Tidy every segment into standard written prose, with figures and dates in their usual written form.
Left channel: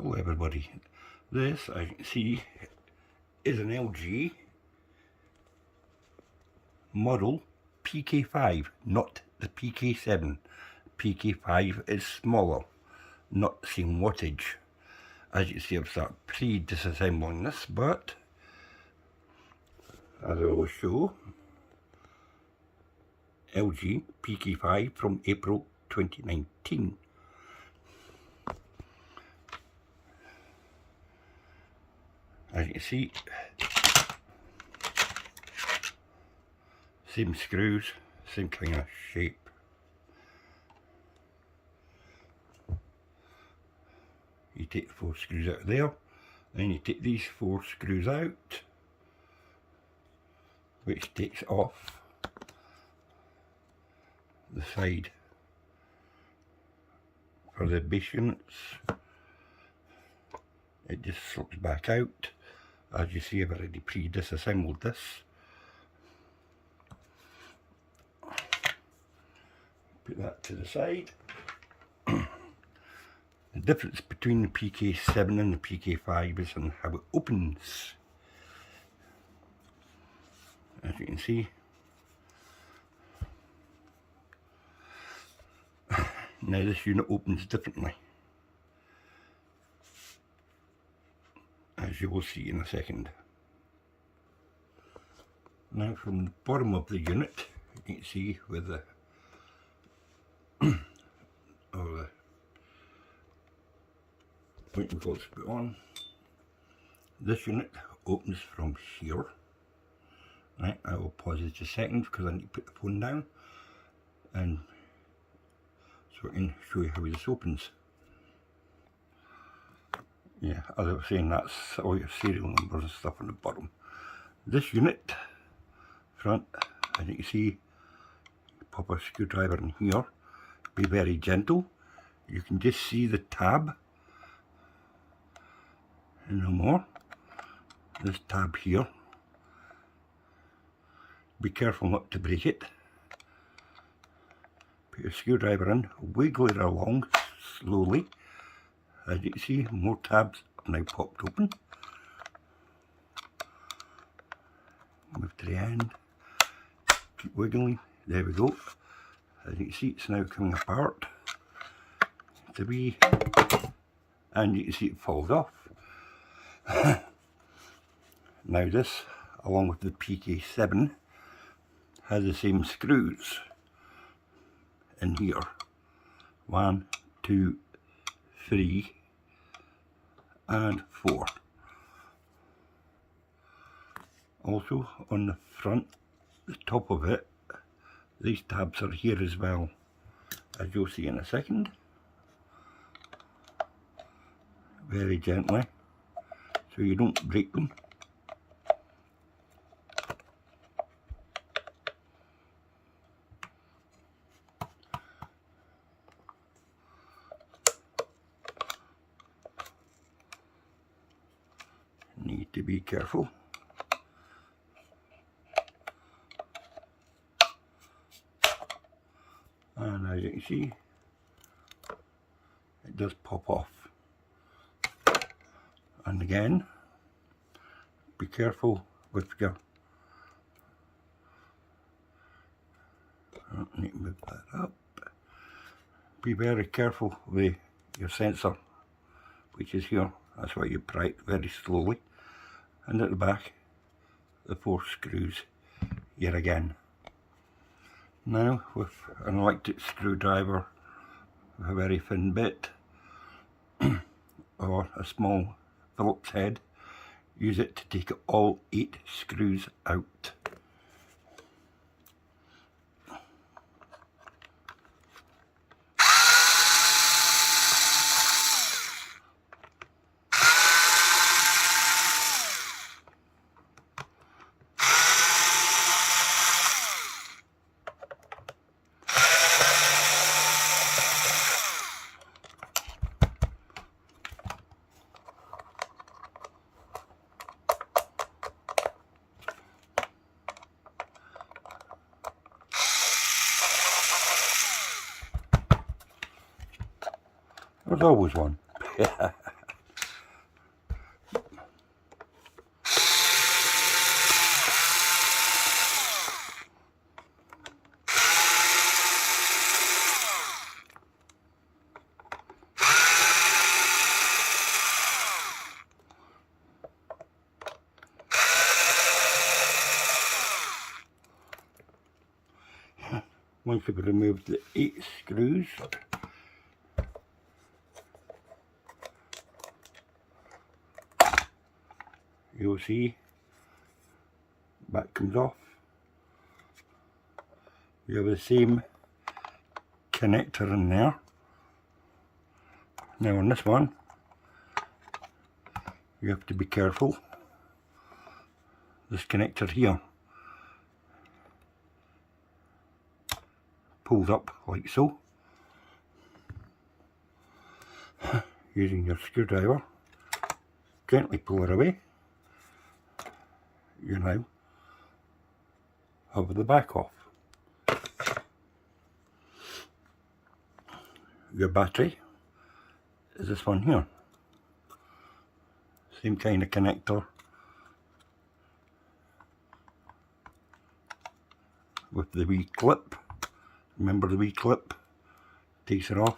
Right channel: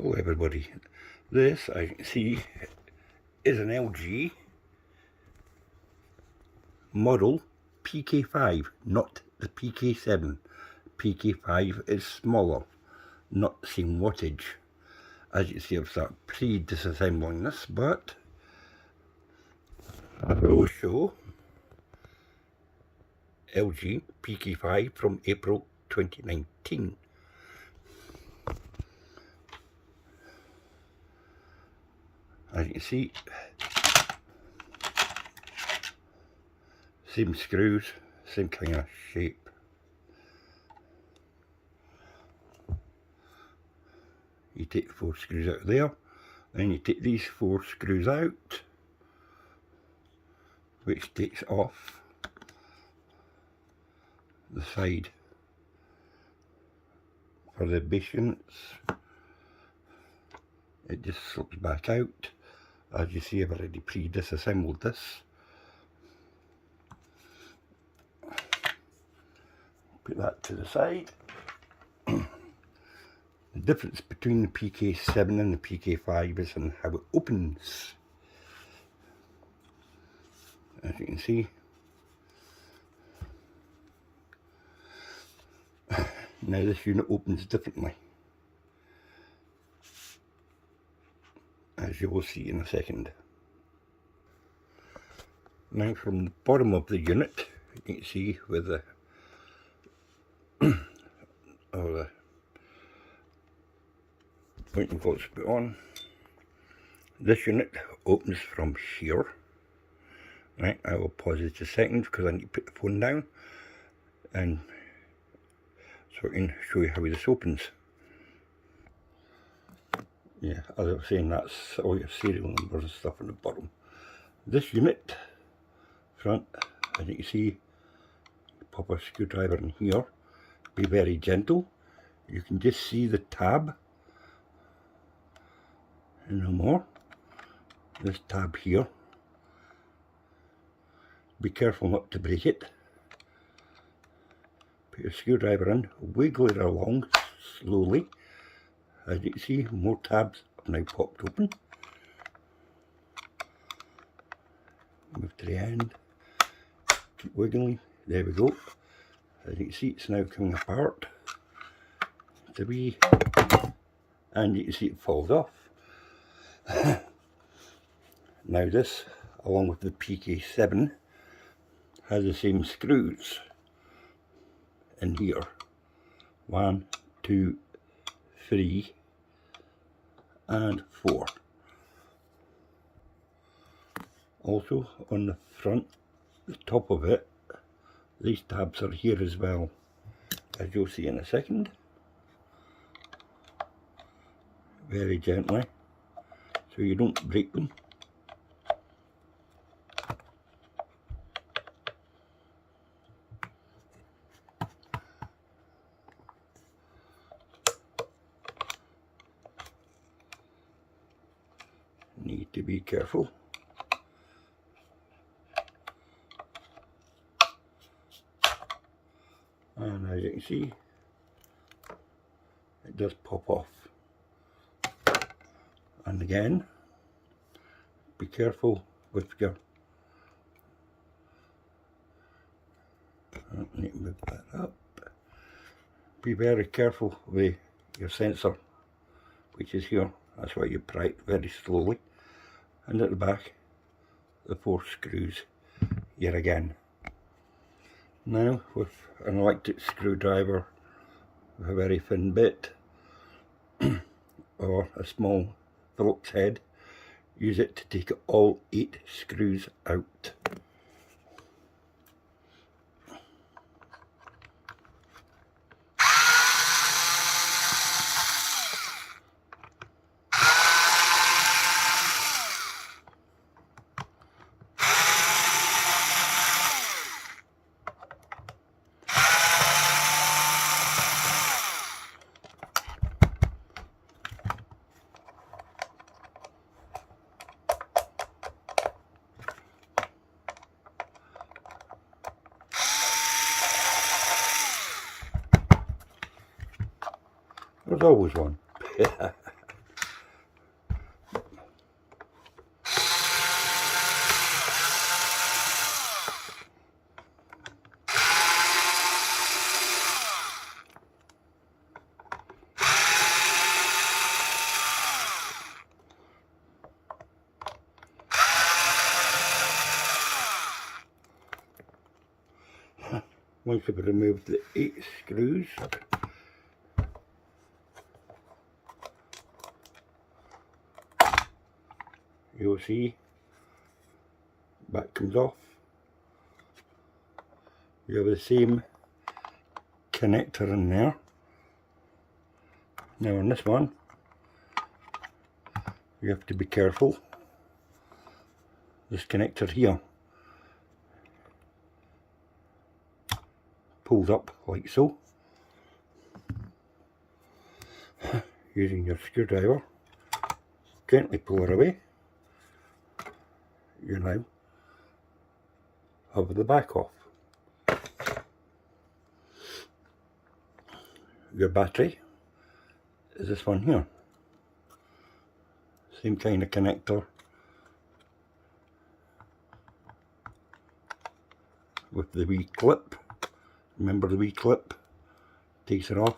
Hello everybody, this as you can see is an LG model pk5, not the pk7. pk5 is smaller, not the same wattage. As you can see, I've started pre-disassembling this, but as I will show, LG pk5 from April 2019. As you can see, same screws, same kind of shape. You take the 4 screws out of there, then you take these 4 screws out, which takes off the side for the base units. It just slips back out. As you see, I've already pre-disassembled this. Put that to the side. The difference between the pk7 and the pk5 is in how it opens. As you can see, now this unit opens differently, as you will see in a second. Now from the bottom of the unit, you can see where the pointing bolts put on. This unit opens from here. Right, I will pause it just a second because I need to put the phone down, and so I can show you how this opens. Yeah, as I was saying, that's all your serial numbers and stuff on the bottom. This unit, front, as you can see, pop a screwdriver in here. Be very gentle. You can just see the tab, and no more. This tab here. Be careful not to break it. Put your screwdriver in, wiggle it along slowly. As you can see, more tabs have now popped open. Move to the end. Keep wiggling. There we go. As you can see, it's now coming apart. And you can see it falls off. Now this, along with the pk7, has the same screws in here. 1, 2, 3 and 4. Also on the front, the top of it, these tabs are here as well, as you'll see in a second. Very gently, so you don't break them. Need to be careful. And as you can see, it does pop off. And again, be careful with your, need to move that up. Be very careful with your sensor, which is here. That's why you pry it very slowly. And at the back, the 4 screws here again. Now with an electric screwdriver with a very thin bit or a small Phillips head, use it to take all 8 screws out. There's always one. once you've removed the 8 screws, you'll see that comes off. You have the same connector in there. Now on this one, you have to be careful. This connector here pulls up like so. Using your screwdriver, gently pull it away. You now have the back off. Your battery is this one here. Same kind of connector with the wee clip. Remember the wee clip? Takes it off.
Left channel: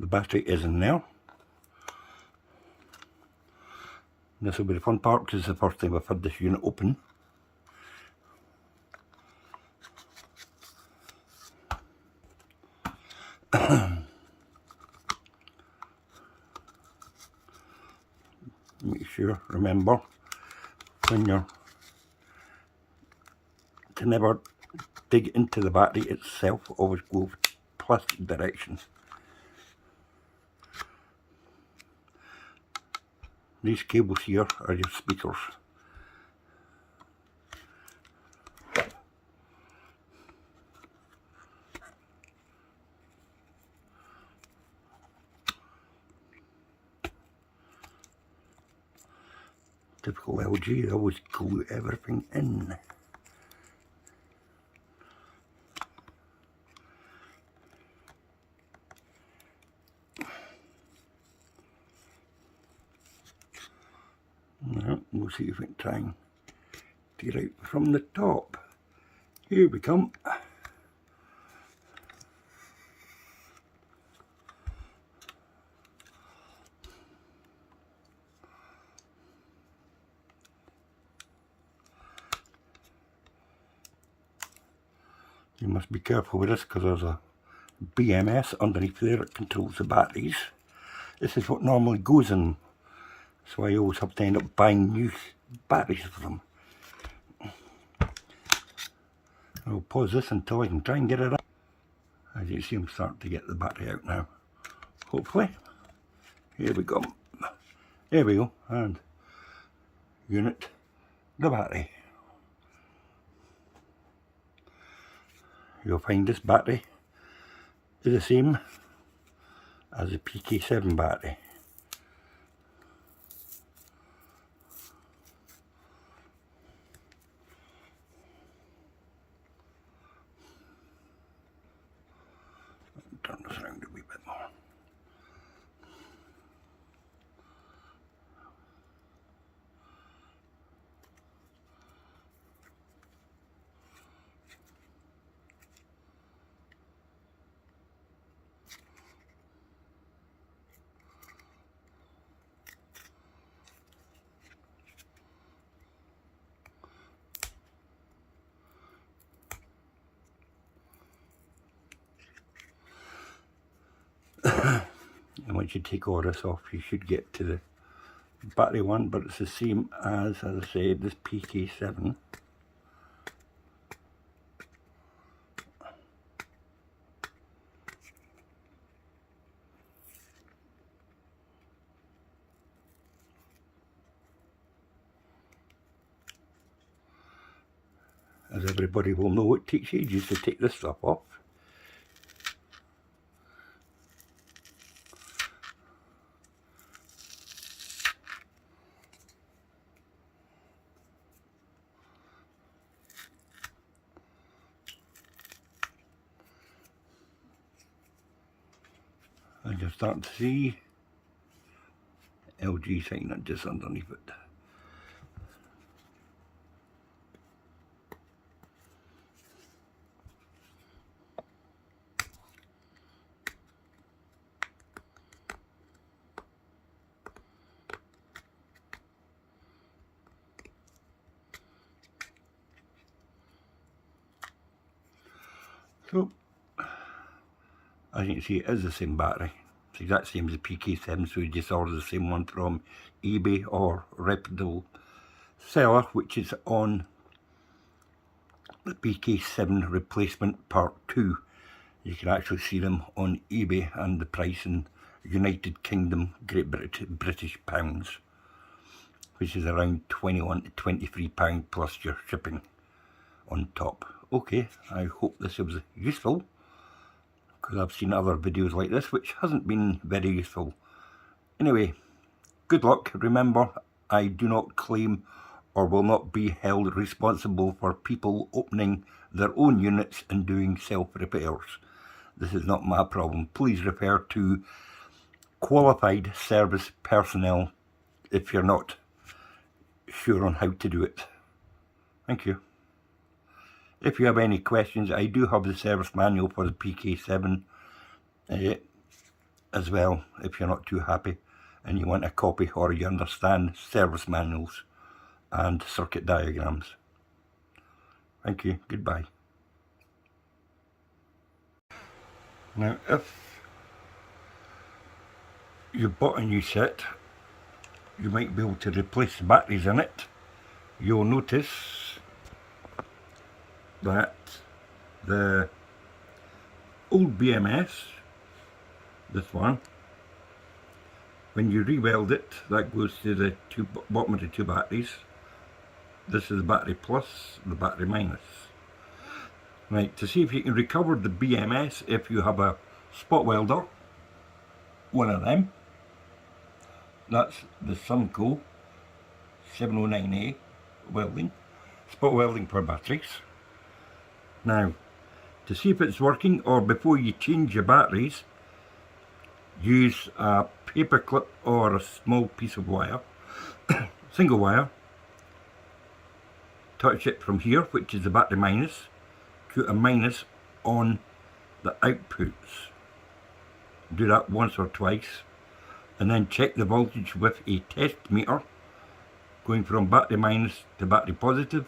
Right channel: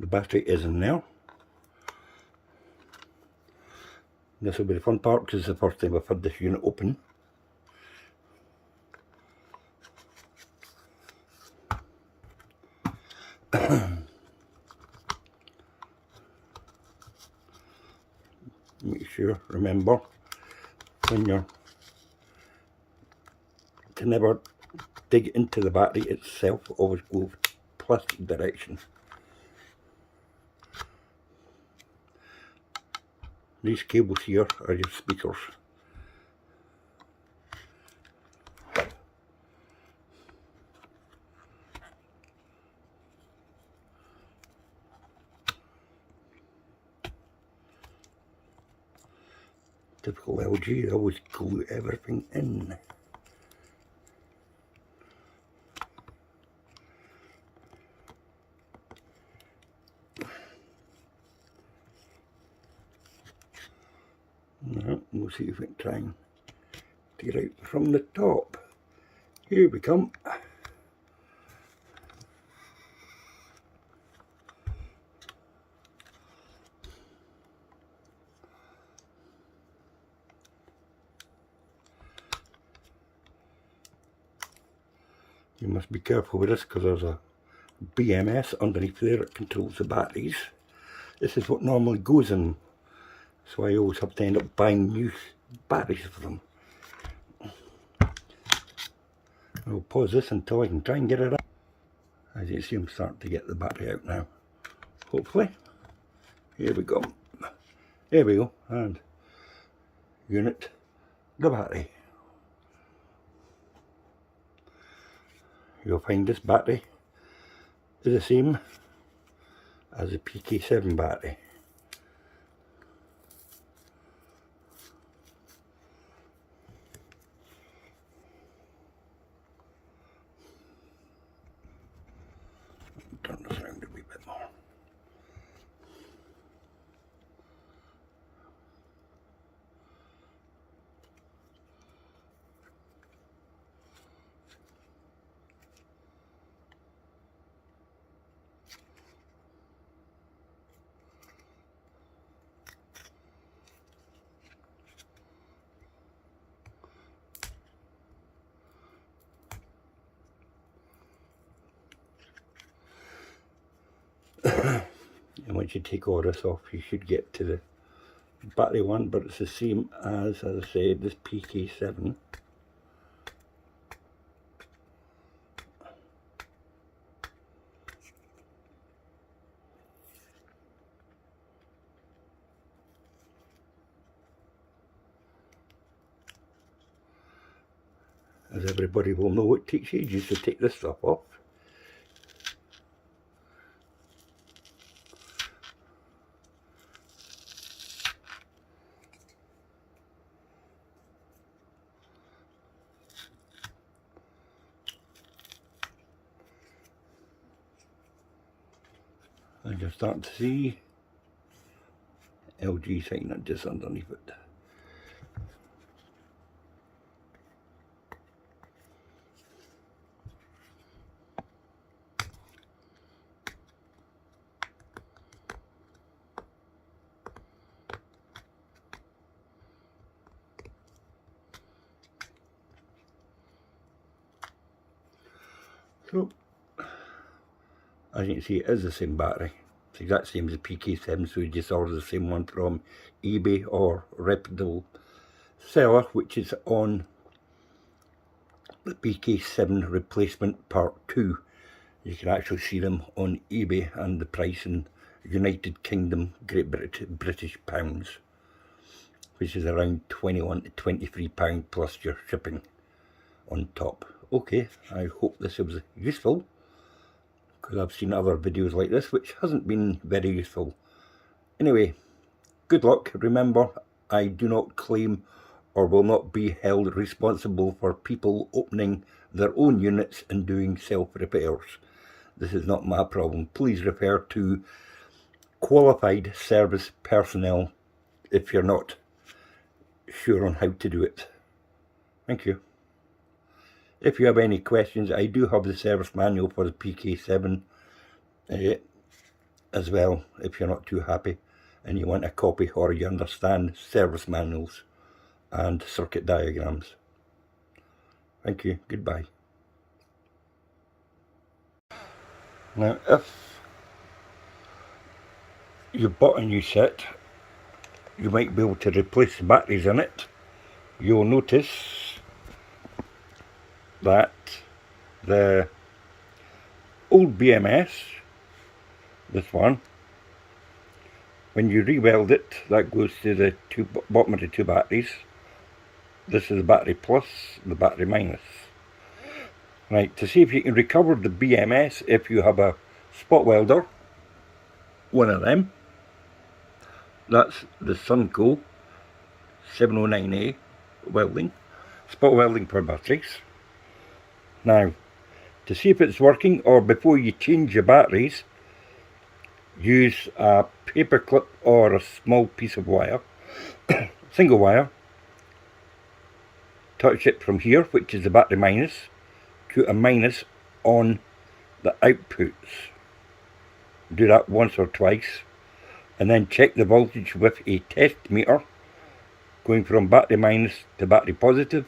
The battery is in there. This will be the fun part because it's the first time I've had this unit open. Make sure, remember, when you're to never dig into the battery itself, always go plastic direction. These cables here are your speakers. Typical LG, they always glue everything in. Now, we'll see if we can try and get out from the top. Here we come. You must be careful with this because there's a BMS underneath there that controls the batteries. This is what normally goes in, so I always have to end up buying new batteries for them. I'll pause this until I can try and get it up. As you see, I'm starting to get the battery out now. Hopefully. Here we go. There we go. And unit, the battery. You'll find this battery is the same as the pk5 battery. Turn this around a wee bit more. And once you take all this off, you should get to the battery one, but it's the same as I said, this pk5. As everybody will know, it takes ages to take this stuff off. And you're starting to see LG sign just underneath it. So, as you can see, it is the same battery. It's the exact same as the pk5, so you just order the same one from eBay or reputable seller, which is on the pk5 replacement part 2. You can actually see them on eBay, and the price in United Kingdom, Great British pounds, which is around £21 to £23 plus your shipping on top. Okay, I hope this was useful, because I've seen other videos like this which hasn't been very useful. Anyway, good luck. Remember, I do not claim or will not be held responsible for people opening their own units and doing self-repairs. This is not my problem. Please refer to qualified service personnel if you're not sure on how to do it. Thank you. If you have any questions, I do have the service manual for the pk5 as well, if you're not too happy and you want a copy, or you understand service manuals and circuit diagrams. Thank you. Goodbye. Now, if you bought a new set, you might be able to replace the batteries in it. You'll notice that the old BMS, this one, when you re-weld it, that goes to the bottom of the two batteries. This is the battery plus, the battery minus. Right, to see if you can recover the BMS, if you have a spot welder, one of them, that's the Sunco 709A welding, spot welding for batteries. Now, to see if it's working, or before you change your batteries, use a paper clip or a small piece of wire, single wire, touch it from here, which is the battery minus, to a minus on the outputs. Do that once or twice, and then check the voltage with a test meter going from battery minus to battery positive.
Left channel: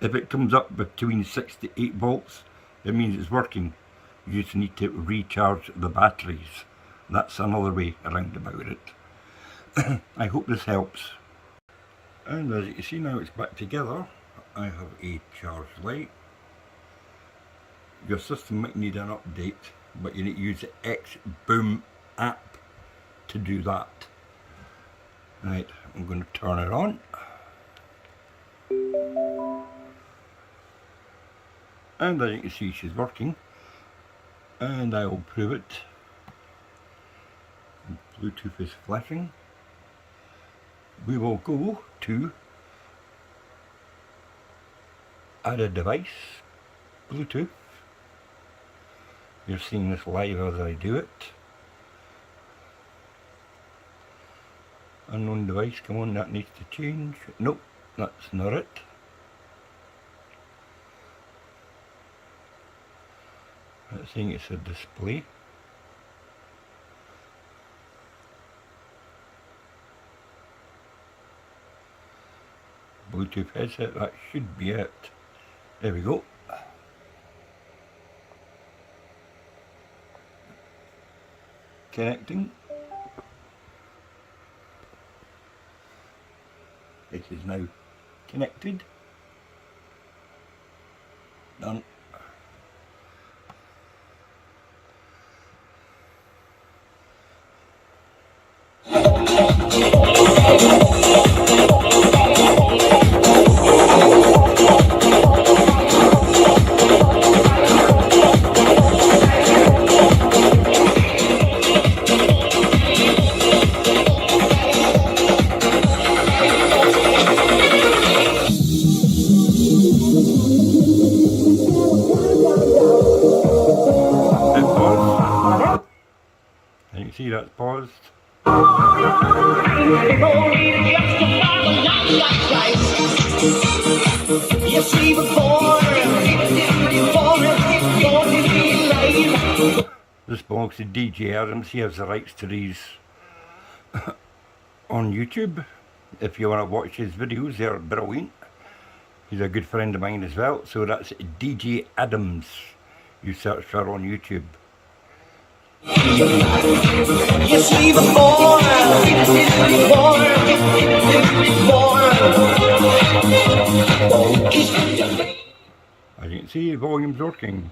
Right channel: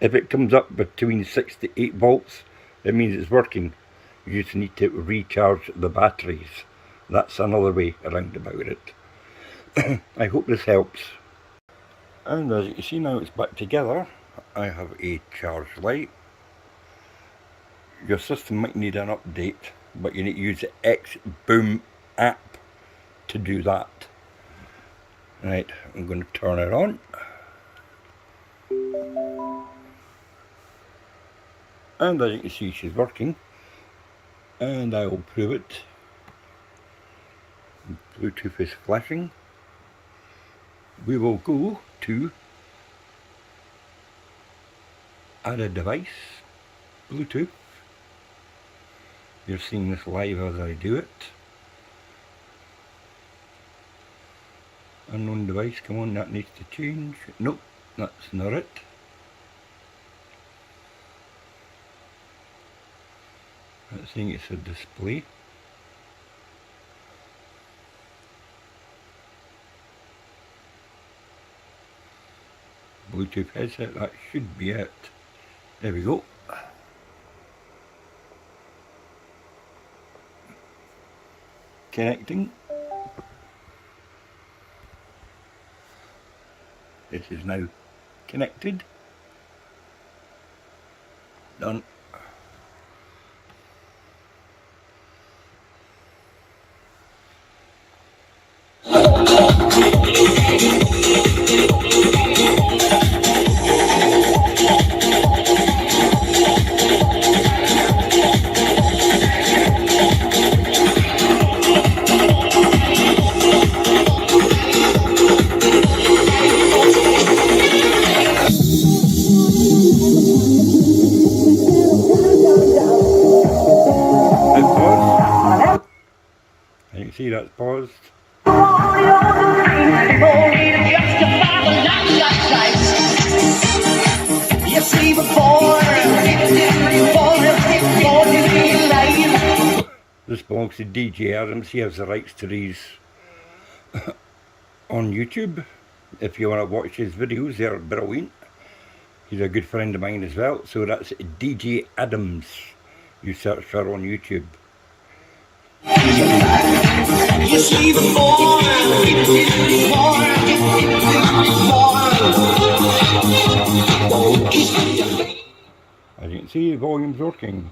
If it comes up between 6 to 8 volts, it means it's working. You just need to recharge the batteries. That's another way around about it. I hope this helps. And as you can see, now it's back together. I have a charge light. Your system might need an update, but you need to use the X-Boom app to do that. Right, I'm going to turn it on. And as you can see, she's working. And I will prove it. Bluetooth is flashing. We will go to add a device, Bluetooth. You're seeing this live as I do it. Unknown device, come on, that needs to change. Nope, that's not it. That's saying it's a display. Bluetooth headset, that should be it. There we go. Connecting. This is now connected. Done. See, that's paused. This belongs to DJ Adams. He has the rights to these on YouTube. If you want to watch his videos, they're brilliant. He's a good friend of mine as well. So that's DJ Adams. You search her on YouTube. As you can see, the volume's working.